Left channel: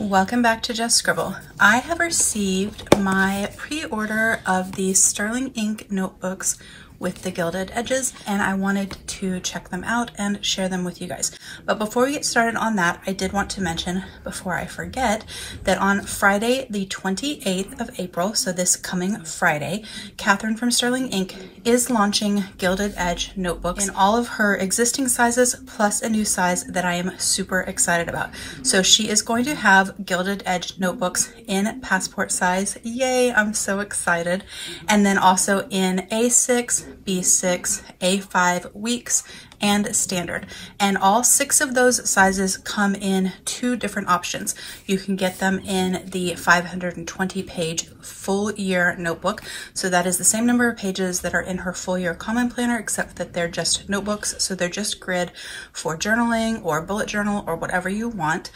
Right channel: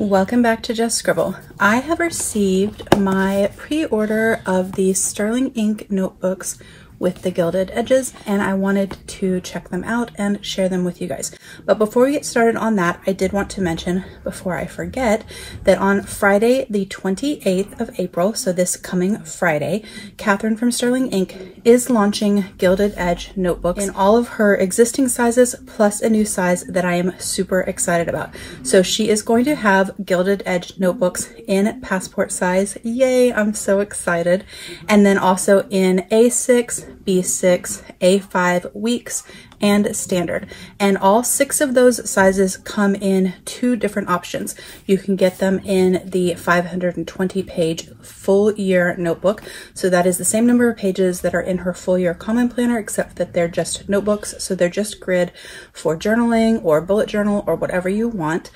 Welcome back to Just Scribble. I have received my pre-order of the Sterling Ink notebooks with the gilded edges, and I wanted to check them out and share them with you guys. But before we get started on that, I did want to mention, before I forget, that on Friday the 28th of April, so this coming Friday, Catherine from Sterling Ink is launching Gilded Edge notebooks in all of her existing sizes, plus a new size that I am super excited about. So she is going to have Gilded Edge notebooks in passport size. Yay, I'm so excited. And then also in A6, B6, A5 weeks, and standard. And all 6 of those sizes come in 2 different options. You can get them in the 520 page full year notebook. So that is the same number of pages that are in her full year common planner, except that they're just notebooks. So they're just grid for journaling or bullet journal or whatever you want.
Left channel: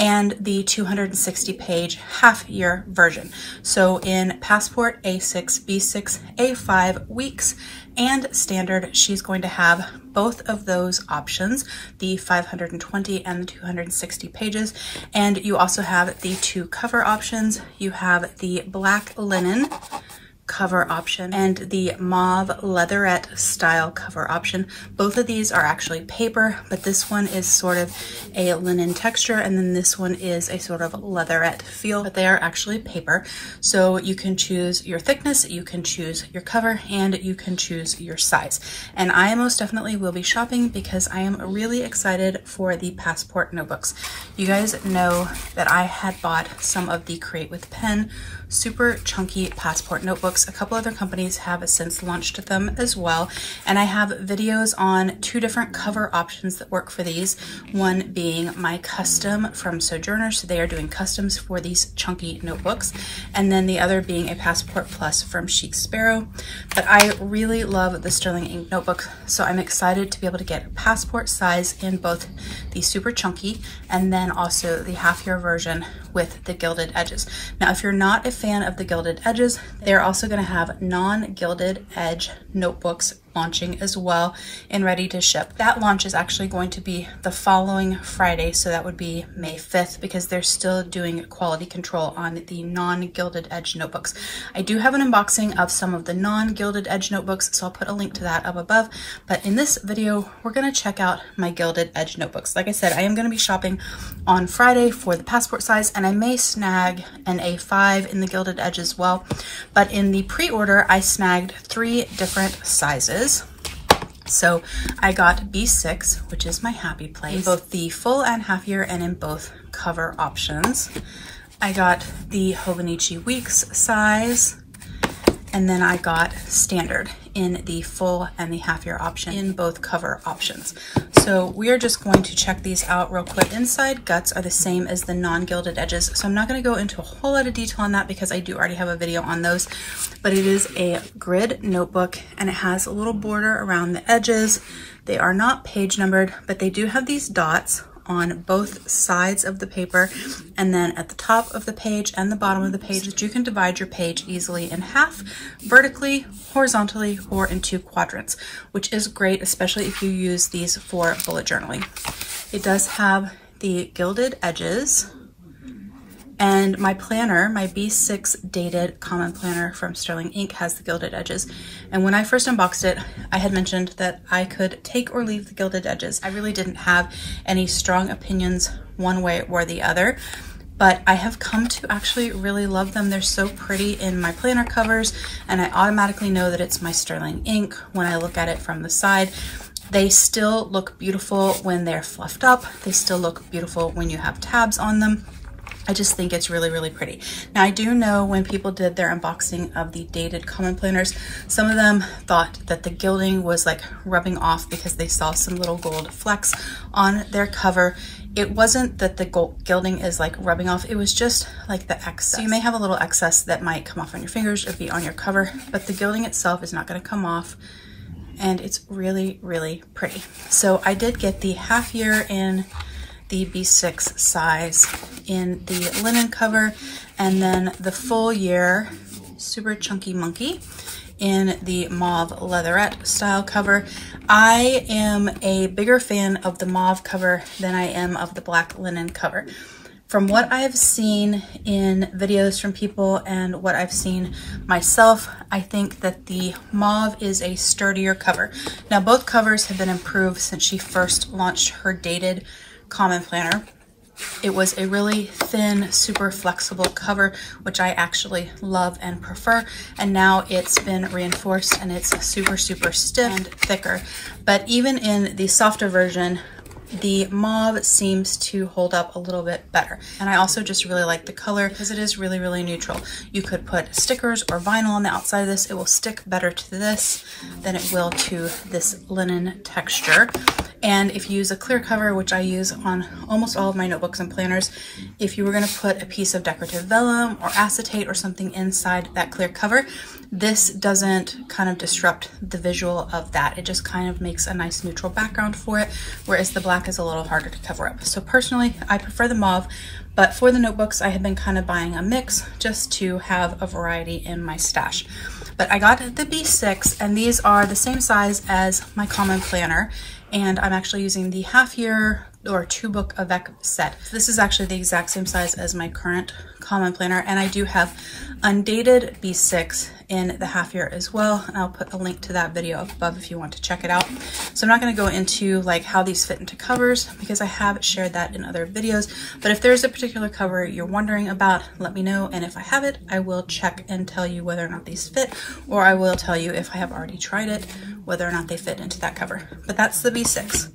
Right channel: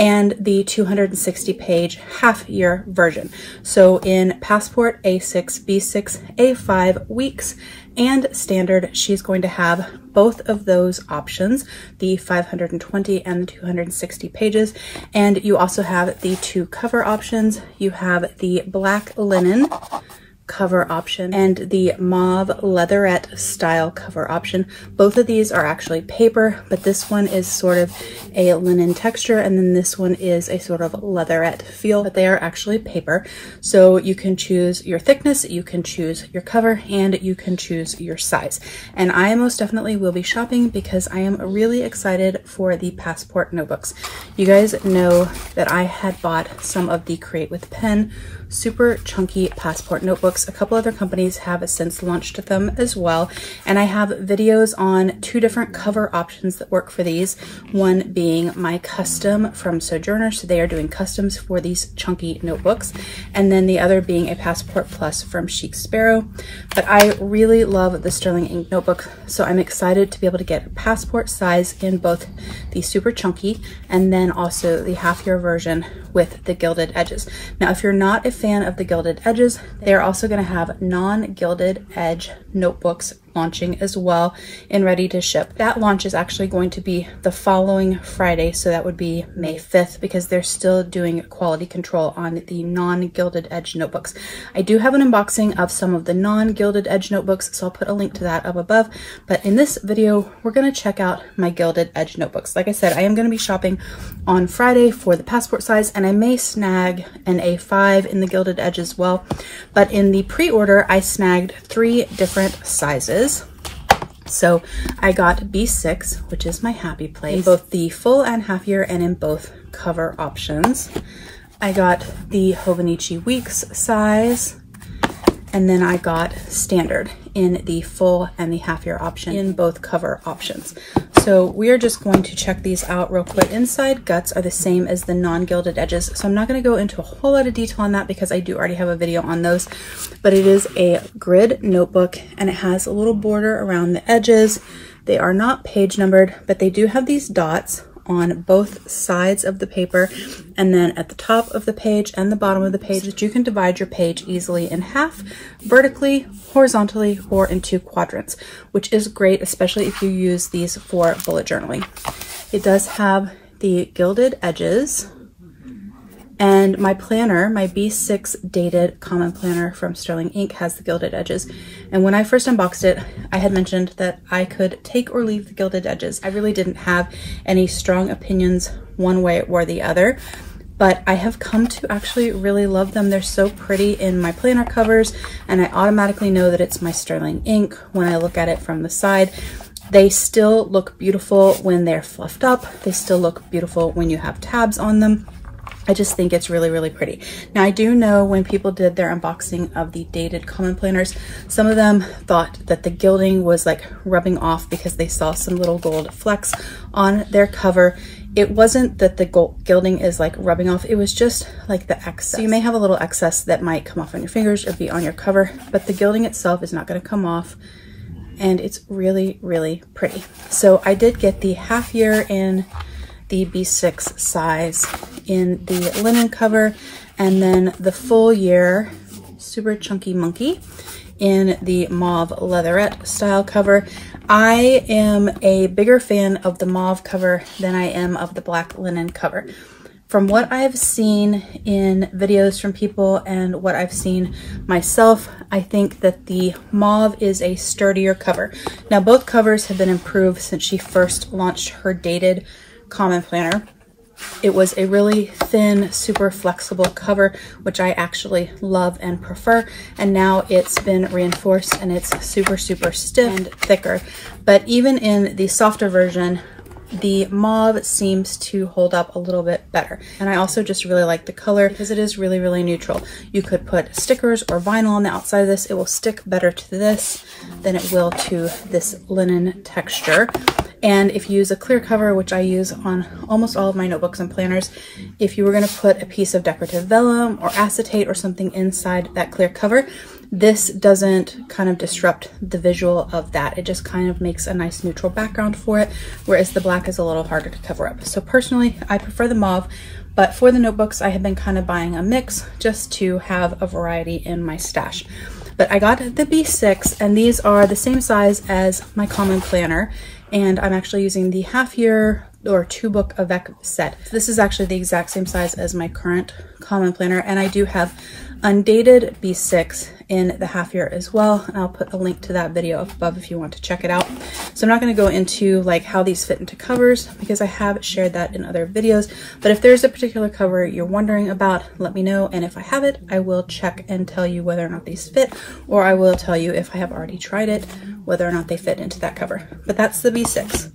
And the 260 page half year version. So in passport, A6, B6, A5 weeks, and standard, she's going to have both of those options, the 520 and the 260 pages. And you also have the 2 cover options. You have the black linen cover option and the mauve leatherette style cover option. Both of these are actually paper, but this one is sort of a linen texture, and then this one is a sort of leatherette feel, but they are actually paper. So you can choose your thickness, you can choose your cover, and you can choose your size. And I most definitely will be shopping because I am really excited for the passport notebooks. You guys know that I had bought some of the Create with Pen super chunky passport notebooks. A couple other companies have since launched them as well, and I have videos on 2 different cover options that work for these. One being my custom from Sojourner, so they are doing customs for these chunky notebooks, and then the other being a Passport Plus from Chic Sparrow. But I really love the Sterling Ink notebook, so I'm excited to be able to get passport size in both the super chunky and then also the half year version with the gilded edges. Now, if you're not a fan of the gilded edges, they're also going to have non-gilded edge notebooks launching as well and ready to ship. That launch is actually going to be the following Friday, so that would be May 5th, because they're still doing quality control on the non-gilded edge notebooks. I do have an unboxing of some of the non-gilded edge notebooks, so I'll put a link to that up above. But in this video, we're going to check out my gilded edge notebooks. Like I said, I am going to be shopping on Friday for the passport size, and I may snag an A5 in the gilded edge as well. But in the pre-order, I snagged 3 different sizes. So I got B6, which is my happy place, in both the full and half year and in both cover options. I got the Hobonichi Weeks size, and then I got standard in the full and the half year option in both cover options. So we are just going to check these out real quick. Inside guts are the same as the non-gilded edges, so I'm not going to go into a whole lot of detail on that because I do already have a video on those. But it is a grid notebook, and it has a little border around the edges. They are not page numbered, but they do have these dots on both sides of the paper, and then at the top of the page and the bottom of the page, that you can divide your page easily in half, vertically, horizontally, or in 2 quadrants, which is great, especially if you use these for bullet journaling. It does have the gilded edges, and my planner, my B6 dated common planner from Sterling Ink, has the gilded edges. And when I first unboxed it, I had mentioned that I could take or leave the gilded edges. I really didn't have any strong opinions one way or the other, but I have come to actually really love them. They're so pretty in my planner covers, and I automatically know that it's my Sterling Ink when I look at it from the side. They still look beautiful when they're fluffed up. They still look beautiful when you have tabs on them. I just think it's really, really pretty. Now, I do know when people did their unboxing of the dated common planners, some of them thought that the gilding was like rubbing off because they saw some little gold flecks on their cover. It wasn't that the gilding is like rubbing off, it was just like the excess. So you may have a little excess that might come off on your fingers or be on your cover, but the gilding itself is not going to come off, and it's really, really pretty. So I did get the half year in the B6 size in the linen cover, and then the full year super chunky monkey in the mauve leatherette style cover. I am a bigger fan of the mauve cover than I am of the black linen cover. From what I've seen in videos from people and what I've seen myself, I think that the mauve is a sturdier cover. Now, both covers have been improved since she first launched her dated common planner. It was a really thin, super flexible cover, which I actually love and prefer. And now it's been reinforced and it's super, super stiff and thicker. But even in the softer version, the mauve seems to hold up a little bit better. And I also just really like the color because it is really, really neutral. You could put stickers or vinyl on the outside of this. It will stick better to this than it will to this linen texture. And if you use a clear cover, which I use on almost all of my notebooks and planners, if you were going to put a piece of decorative vellum or acetate or something inside that clear cover, this doesn't kind of disrupt the visual of that. It just kind of makes a nice neutral background for it, whereas the black is a little harder to cover up. So personally, I prefer the mauve, but for the notebooks, I have been kind of buying a mix just to have a variety in my stash. But I got the B6, and these are the same size as my common planner, and I'm actually using the half-year or 2-book avec set. This is actually the exact same size as my current common planner, and I do have undated B6 in the half year as well. And I'll put a link to that video up above if you want to check it out. So I'm not going to go into like how these fit into covers because I have shared that in other videos. But if there's a particular cover you're wondering about, let me know. And if I have it, I will check and tell you whether or not these fit, or I will tell you if I have already tried it, whether or not they fit into that cover. But that's the B6.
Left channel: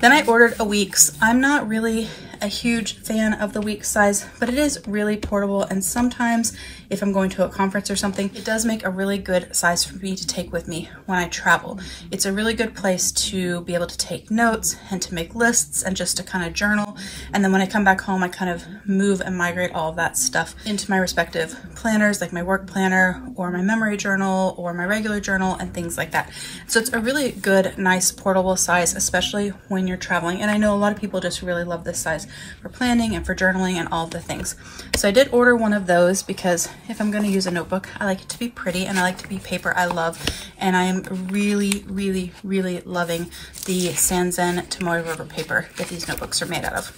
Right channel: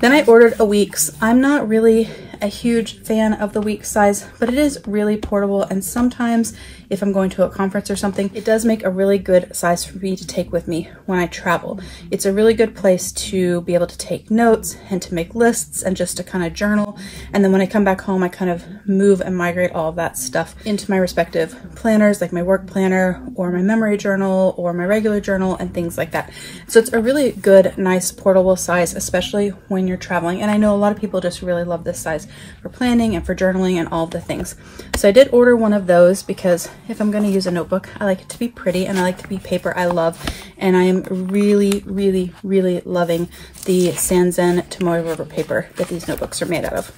Then I ordered a Weeks. I'm not really a huge fan of the Weeks size, but it is really portable, and sometimes if I'm going to a conference or something, it does make a really good size for me to take with me when I travel. It's a really good place to be able to take notes and to make lists and just to kind of journal. And then when I come back home, I kind of move and migrate all of that stuff into my respective planners, like my work planner or my memory journal or my regular journal and things like that. So it's a really good, nice portable size, especially when you're traveling. And I know a lot of people just really love this size for planning and for journaling and all of the things. So I did order one of those because if I'm going to use a notebook, I like it to be pretty and I like to be paper I love. And I am really, really, really loving the Sanzen tomoe rubber paper that these notebooks are made out of.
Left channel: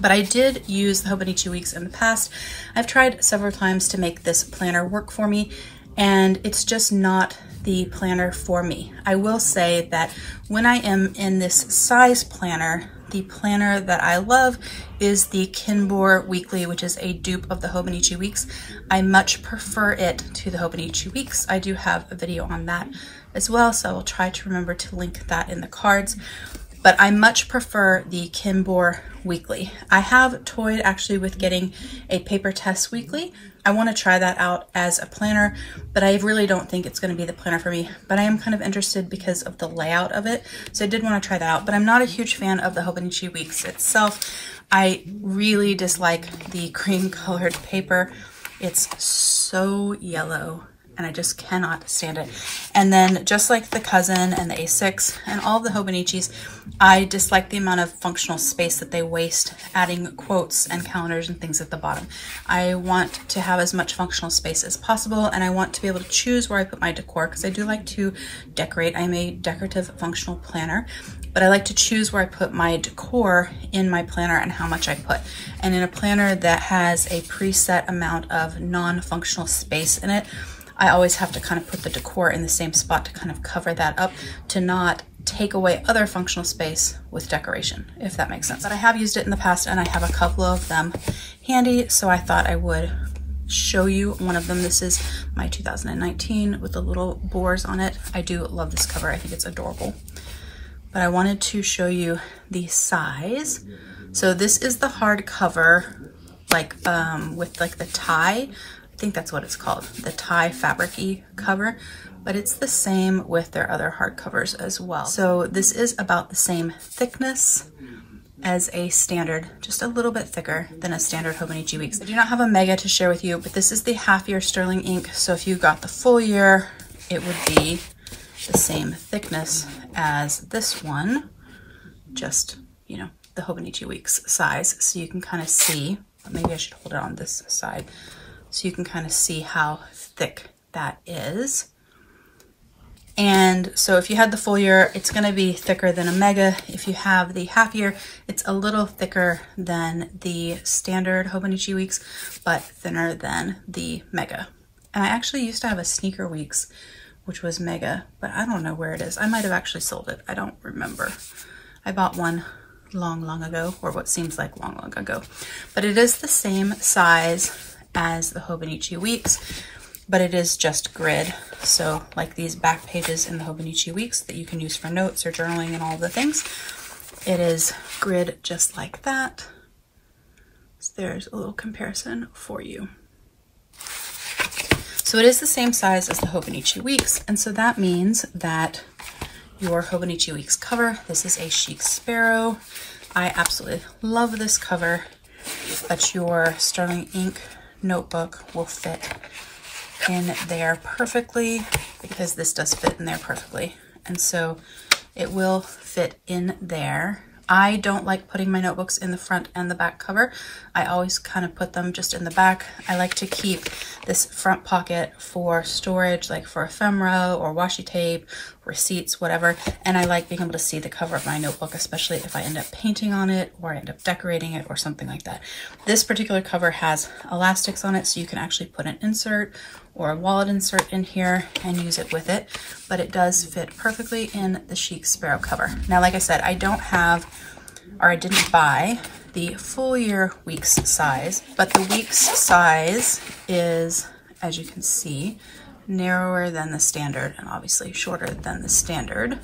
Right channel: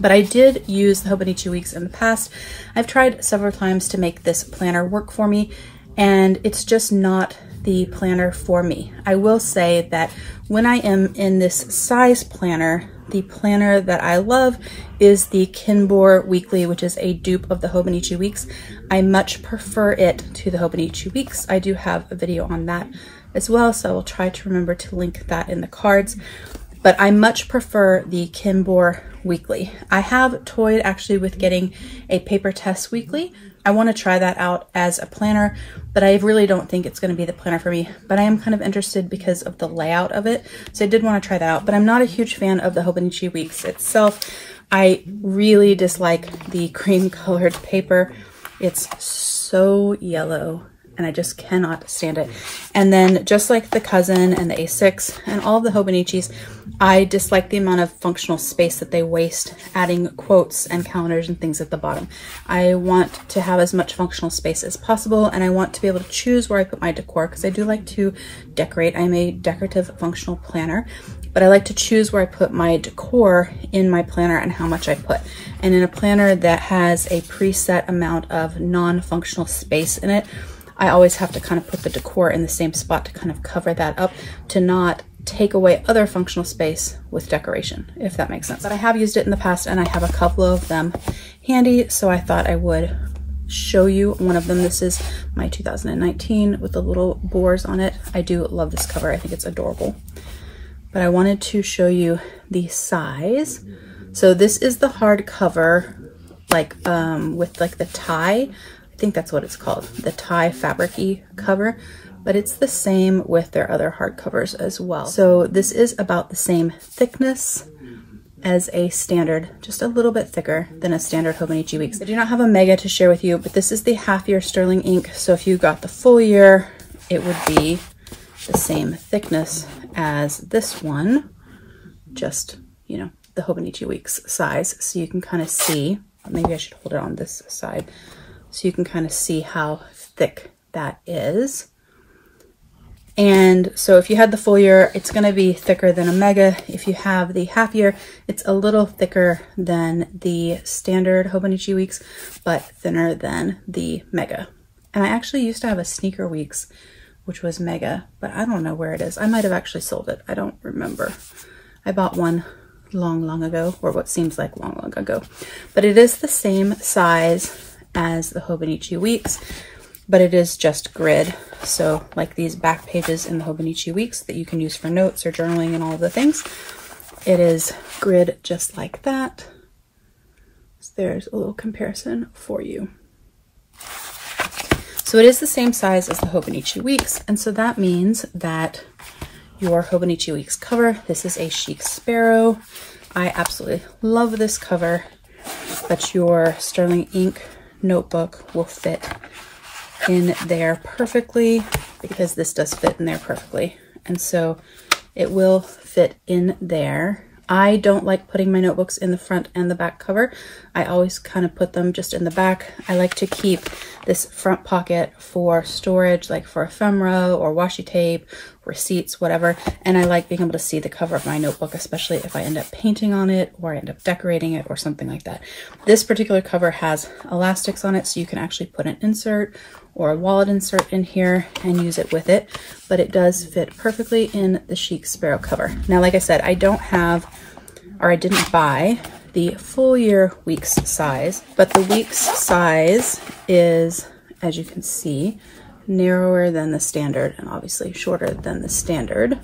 But I did use the Hobonichi Weeks in the past. I've tried several times to make this planner work for me, and it's just not the planner for me. I will say that when I am in this size planner, the planner that I love is the Kinbor Weekly, which is a dupe of the Hobonichi Weeks. I much prefer it to the Hobonichi Weeks. I do have a video on that as well, so I will try to remember to link that in the cards. But I much prefer the Kinbor Weekly. I have toyed actually with getting a Paper Test Weekly. I want to try that out as a planner, but I really don't think it's going to be the planner for me. But I am kind of interested because of the layout of it. So I did want to try that out, but I'm not a huge fan of the Hobonichi Weeks itself. I really dislike the cream colored paper. It's so yellow and I just cannot stand it. And then just like the Cousin and the A6 and all the Hobonichis, I dislike the amount of functional space that they waste adding quotes and calendars and things at the bottom. I want to have as much functional space as possible, and I want to be able to choose where I put my decor because I do like to decorate. I'm a decorative functional planner, but I like to choose where I put my decor in my planner and how much I put. And in a planner that has a preset amount of non-functional space in it, I always have to kind of put the decor in the same spot to kind of cover that up to not take away other functional space with decoration, if that makes sense. But I have used it in the past and I have a couple of them handy, so I thought I would show you one of them. This is my 2019 with the little boars on it. I do love this cover. I think it's adorable. But I wanted to show you the size. So this is the hardcover, like with like the tie. I think that's what it's called, the tie fabric-y cover, but it's the same with their other hardcovers as well. So this is about the same thickness as a standard, just a little bit thicker than a standard Hobonichi Weeks. I do not have a mega to share with you, but this is the half-year sterling ink. So if you got the full year, it would be the same thickness as this one, just, you know, the Hobonichi Weeks size. So you can kind of see, maybe I should hold it on this side, so you can kind of see how thick that is. And so if you had the full year, it's going to be thicker than a mega. If you have the half year, it's a little thicker than the standard Hobonichi Weeks, but thinner than the mega. And I actually used to have a sneaker weeks, which was mega, but I don't know where it is. I might have actually sold it. I don't remember. I bought one long ago, or what seems like long ago. But it is the same size as the Hobonichi Weeks, but it is just grid. So like these back pages in the Hobonichi Weeks that you can use for notes or journaling and all the things, it is grid just like that. So there's a little comparison for you. So it is the same size as the Hobonichi Weeks, and so that means that your Hobonichi Weeks cover, this is a Chic Sparrow. I absolutely love this cover, but your sterling ink notebook will fit in there perfectly, because this does fit in there perfectly. And so it will fit in there. I don't like putting my notebooks in the front and the back cover. I always kind of put them just in the back. I like to keep this front pocket for storage, like for ephemera or washi tape, receipts, whatever. And I like being able to see the cover of my notebook, especially if I end up painting on it or I end up decorating it or something like that. This particular cover has elastics on it, so you can actually put an insert or a wallet insert in here and use it with it, but it does fit perfectly in the Chic Sparrow cover. Now, like I said, I don't have, or I didn't buy the full year Weeks size, but the Weeks size is, as you can see, narrower than the standard and obviously shorter than the standard.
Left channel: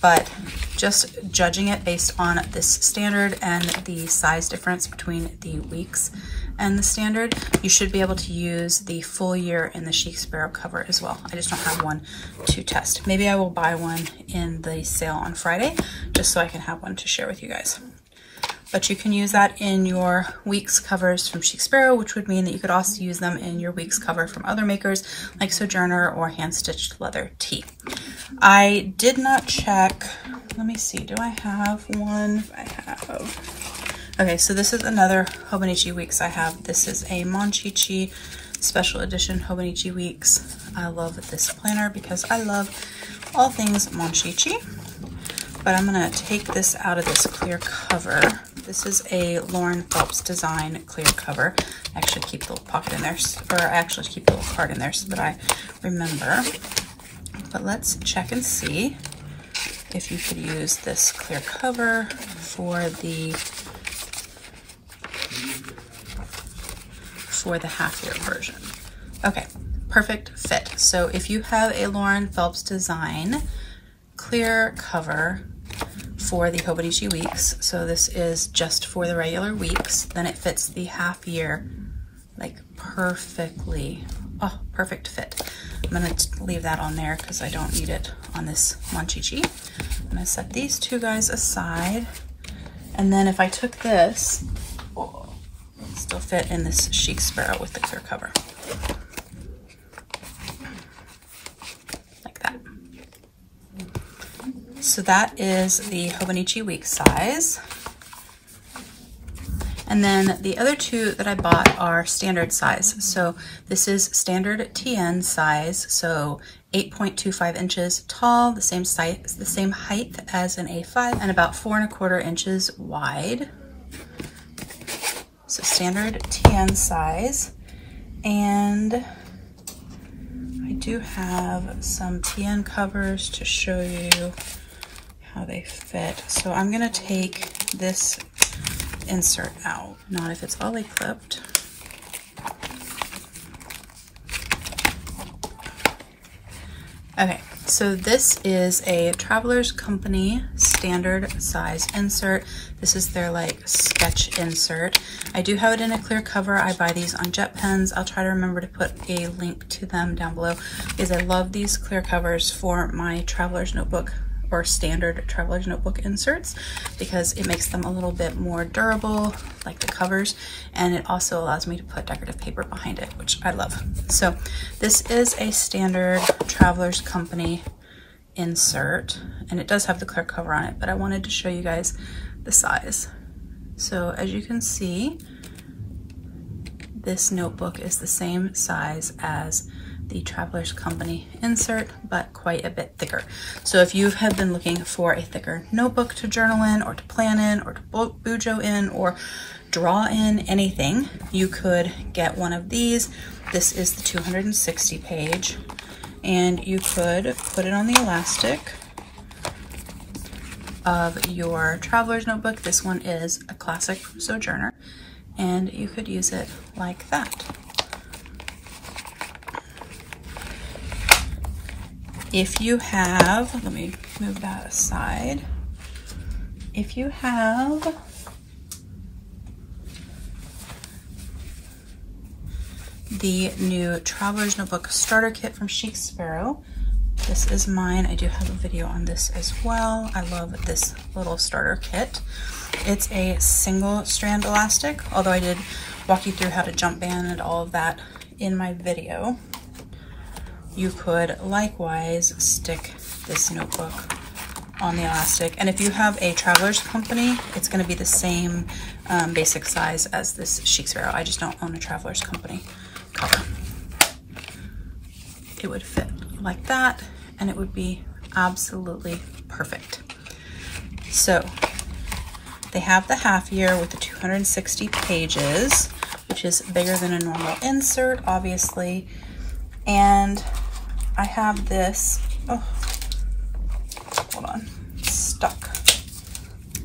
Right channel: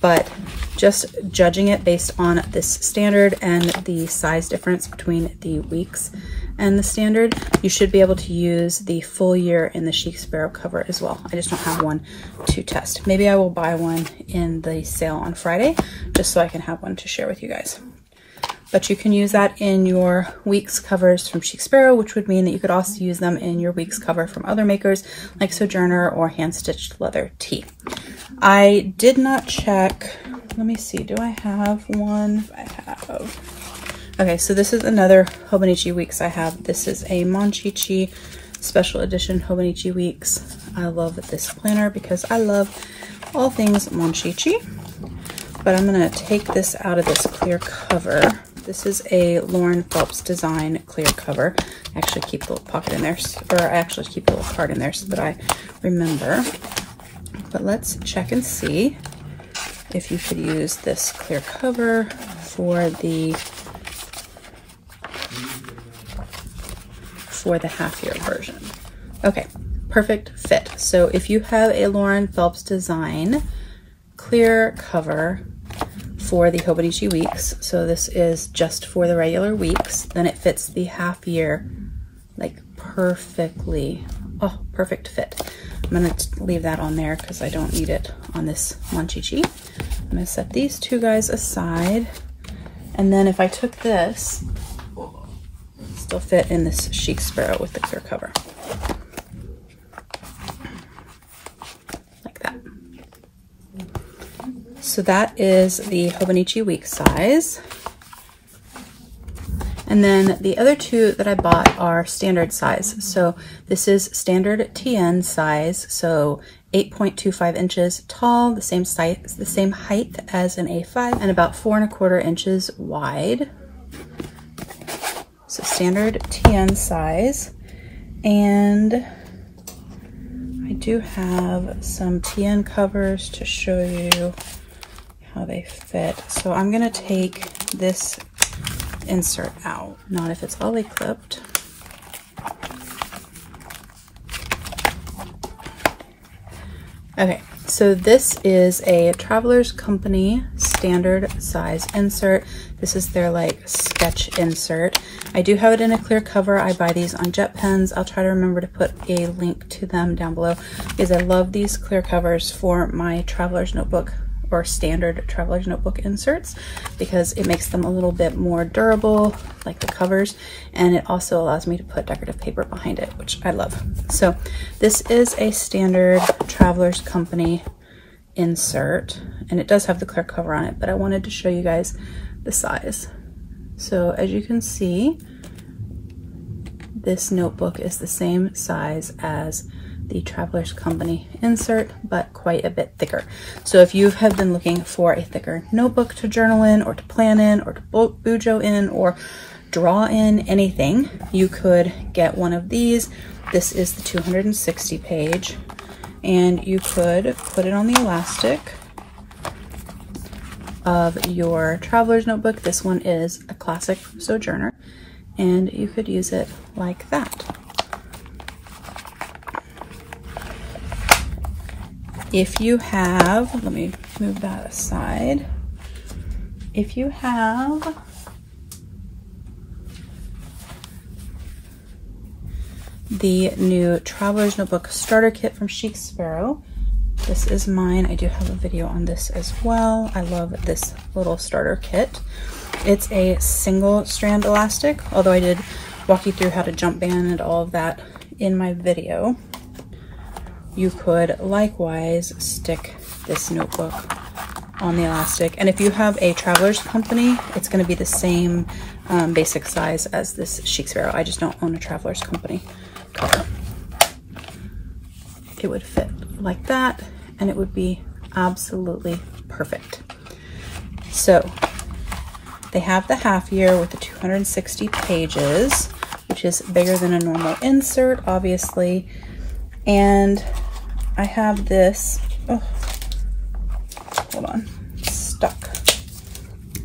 But just judging it based on this standard and the size difference between the Weeks and the standard, you should be able to use the full year in the Chic Sparrow cover as well. I just don't have one to test. Maybe I will buy one in the sale on Friday, just so I can have one to share with you guys. But you can use that in your Weeks covers from Chic Sparrow, which would mean that you could also use them in your Weeks cover from other makers like Sojourner or Hand Stitched Leather Tea. I did not check, let me see, do I have one? I have. Okay, so this is another Hobonichi Weeks I have. This is a Monchichi special edition Hobonichi Weeks. I love this planner because I love all things Monchichi. But I'm gonna take this out of this clear cover. This is a Lauren Phelps design clear cover. I actually keep the little pocket in there, or I actually keep the little card in there so that I remember. But let's check and see if you could use this clear cover for the half year version. Okay, perfect fit. So if you have a Lauren Phelps design clear cover for the Hobonichi Weeks, so this is just for the regular Weeks, then it fits the half year like perfectly. Oh, perfect fit. I'm gonna leave that on there because I don't need it on this Monchichi. I'm gonna set these two guys aside, and then if I took this, still fit in this Chic Sparrow with the clear cover. Like that. So that is the Hobonichi Weeks size. And then the other two that I bought are standard size. So this is standard TN size, so 8.25 inches tall, the same size, the same height as an A5, and about 4¼ inches wide. So standard TN size. And I do have some TN covers to show you how they fit. So I'm gonna take this insert out, not if it's ollie clipped. Okay, so this is a Traveler's Company standard size insert. This is their like sketch insert. I do have it in a clear cover. I buy these on Jet Pens. I'll try to remember to put a link to them down below because I love these clear covers for my Traveler's Notebook or standard Traveler's Notebook inserts because it makes them a little bit more durable, like the covers, and it also allows me to put decorative paper behind it, which I love. So this is a standard Traveler's Company insert, and it does have the clear cover on it, but I wanted to show you guys the size. So as you can see, this notebook is the same size as the the Traveler's Company insert, but quite a bit thicker. So if you have been looking for a thicker notebook to journal in, or to plan in, or to bujo in, or draw in anything, you could get one of these. This is the 260 page, and you could put it on the elastic of your traveler's notebook. This one is a classic from Sojourner, and you could use it like that. If you have, let me move that aside. If you have the new Traveler's Notebook Starter Kit from Chic Sparrow, this is mine. I do have a video on this as well. I love this little starter kit. It's a single strand elastic, although I did walk you through how to jump band and all of that in my video. You could likewise stick this notebook on the elastic. And if you have a Traveler's Company, it's going to be the same basic size as this Chic Sparrow. I just don't own a Traveler's Company cover. It would fit like that, and it would be absolutely perfect. So they have the half year with the 260 pages, which is bigger than a normal insert, obviously. And I have this, oh, hold on, it's stuck.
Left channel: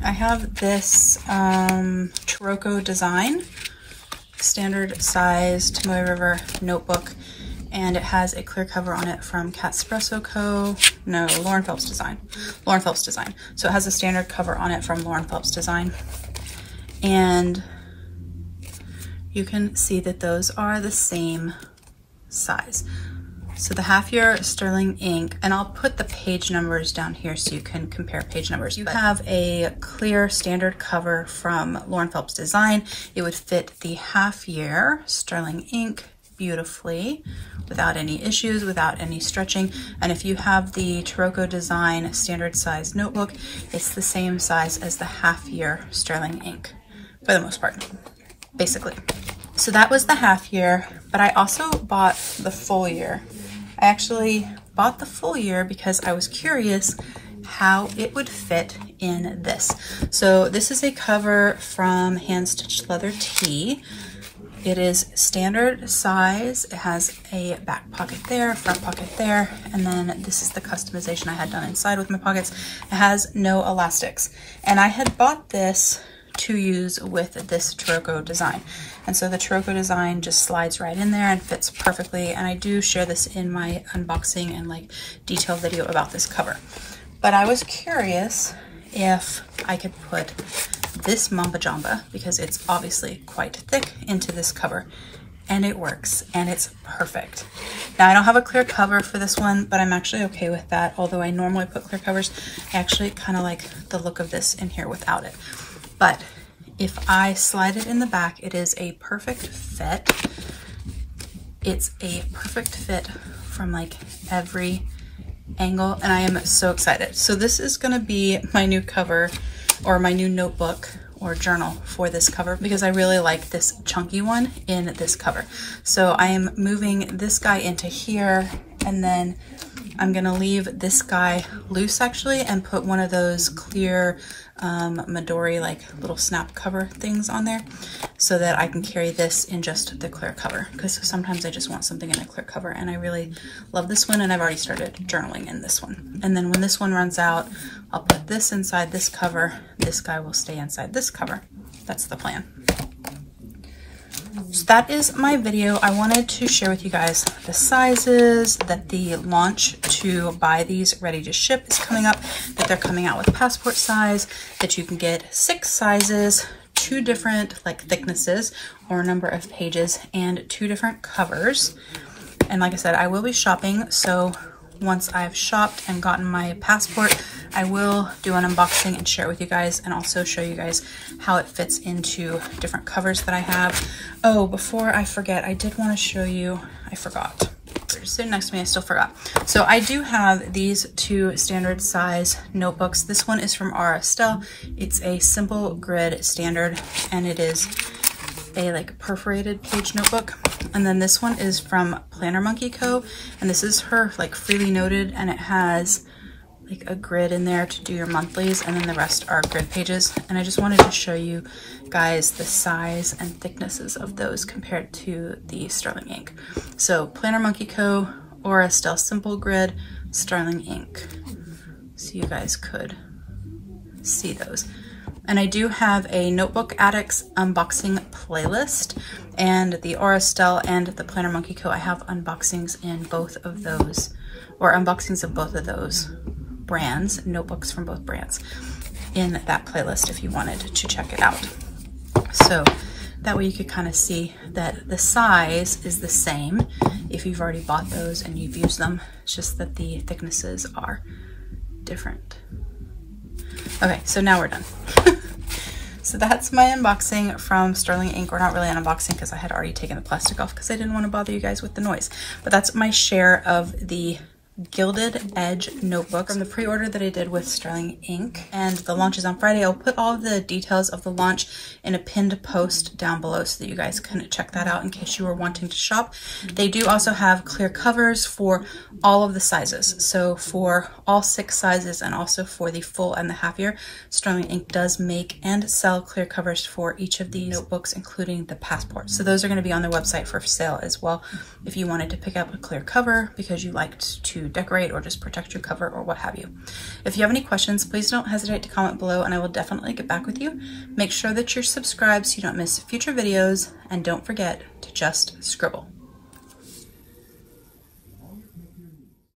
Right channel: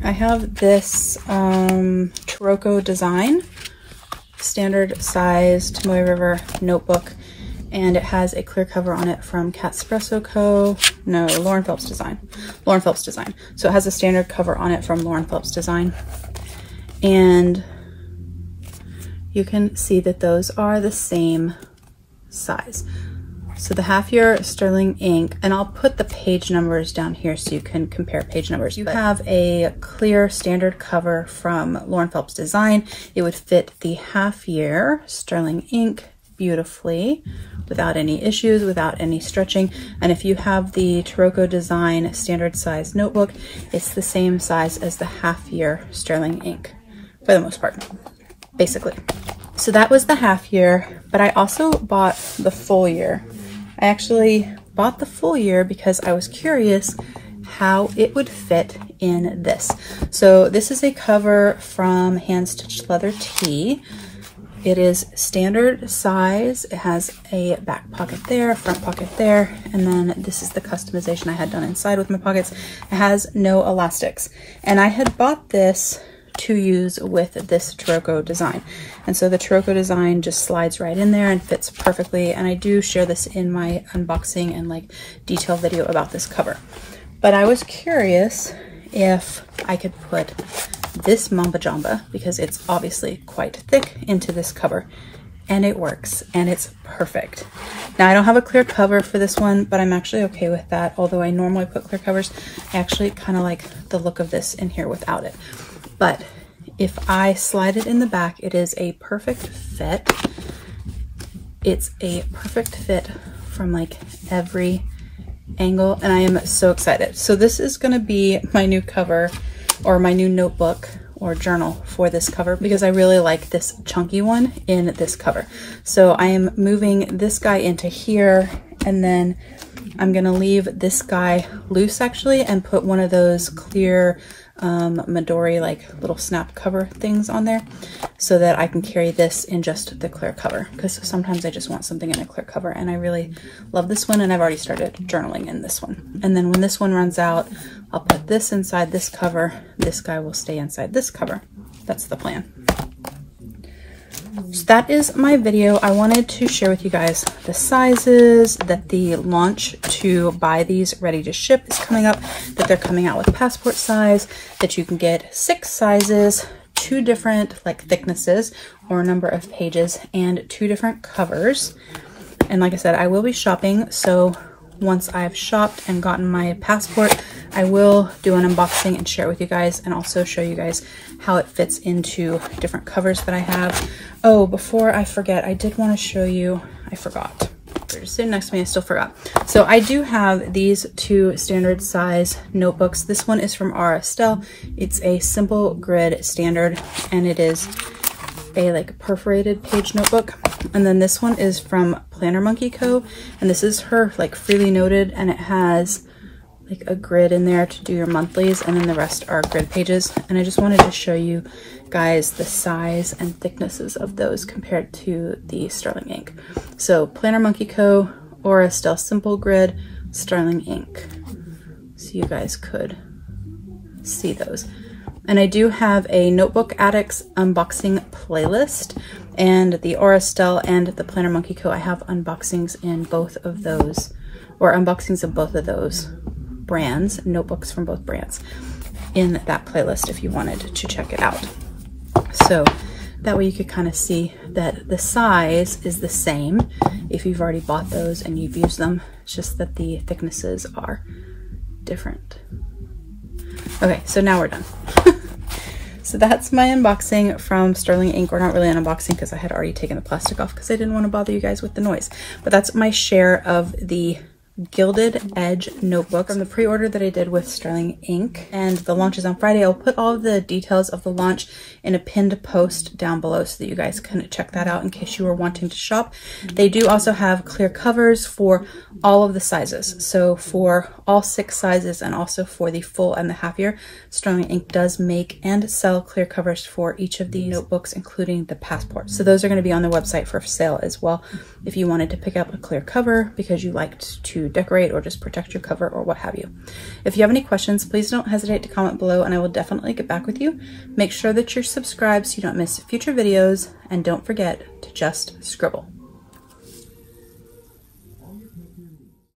I have this Taroko design, standard size Tomoe River notebook, and it has a clear cover on it from Catspresso Co. No, Lauren Phelps Design. Lauren Phelps Design. So it has a standard cover on it from Lauren Phelps Design. And you can see that those are the same size. So the half year sterling ink, and I'll put the page numbers down here so you can compare page numbers. You have a clear standard cover from Lauren Phelps Design. It would fit the half year sterling ink beautifully without any issues, without any stretching. And if you have the Taroko Design standard size notebook, it's the same size as the half year sterling ink for the most part, basically. So that was the half year, but I also bought the full year. I actually bought the full year because I was curious how it would fit in this. So this is a cover from Hand Stitched Leather Tea. It is standard size. It has a back pocket there, a front pocket there, and then this is the customization I had done inside with my pockets. It has no elastics. And I had bought this to use with this Taroko design. And so the Taroko design just slides right in there and fits perfectly. And I do share this in my unboxing and like detailed video about this cover. But I was curious if I could put this Mamba Jamba, because it's obviously quite thick, into this cover. And it works, and it's perfect. Now I don't have a clear cover for this one, but I'm actually okay with that. Although I normally put clear covers, I actually kind of like the look of this in here without it. But if I slide it in the back, it is a perfect fit. It's a perfect fit from like every angle, and I am so excited. So this is gonna be my new cover, or my new notebook or journal for this cover, because I really like this chunky one in this cover. So I am moving this guy into here, and then I'm gonna leave this guy loose actually, and put one of those clear Midori like little snap cover things on there, so that I can carry this in just the clear cover, because sometimes I just want something in a clear cover, and I really love this one, and I've already started journaling in this one. And then when this one runs out, I'll put this inside this cover. This guy will stay inside this cover. That's the plan. So that is my video. I wanted to share with you guys the sizes, that the launch to buy these ready to ship is coming up, that they're coming out with passport size, that you can get 6 sizes, 2 different like thicknesses or number of pages, and 2 different covers. And like I said, I will be shopping, so once I've shopped and gotten my passport, I will do an unboxing and share it with you guys, and also show you guys how it fits into different covers that I have. Oh, before I forget, I did want to show you, I forgot. They're just sitting next to me, I still forgot. So I do have these 2 standard size notebooks. This one is from R. Estelle. It's a simple grid standard, and it is a like perforated page notebook. And then this one is from Planner Monkey Co. And this is her like freely noted, and it has like a grid in there to do your monthlies, and then the rest are grid pages. And I just wanted to show you guys the size and thicknesses of those compared to the sterling ink. So Planner Monkey Co. Aura Style Simple Grid, sterling ink. So you guys could see those. And I do have a Notebook Addicts unboxing playlist, and the Aura Style and the Planner Monkey Co. I have unboxings in both of those, or unboxings of both of those brands, notebooks from both brands, in that playlist if you wanted to check it out. So that way you could kind of see that the size is the same if you've already bought those and you've used them. It's just that the thicknesses are different. Okay, so now we're done. So that's my unboxing from Sterling Ink. Or not really an unboxing because I had already taken the plastic off because I didn't want to bother you guys with the noise. But that's my share of the Gilded Edge notebook from the pre-order that I did with Sterling Ink, and the launch is on Friday. I'll put all of the details of the launch in a pinned post down below so that you guys can check that out in case you were wanting to shop. They do also have clear covers for all of the sizes, so for all 6 sizes and also for the full and the half year, Sterling Ink does make and sell clear covers for each of the notebooks, including the passport. So those are going to be on their website for sale as well if you wanted to pick up a clear cover because you liked to decorate or just protect your cover or what have you. If you have any questions, please don't hesitate to comment below and I will definitely get back with you. Make sure that you're subscribed so you don't miss future videos, and don't forget to just scribble.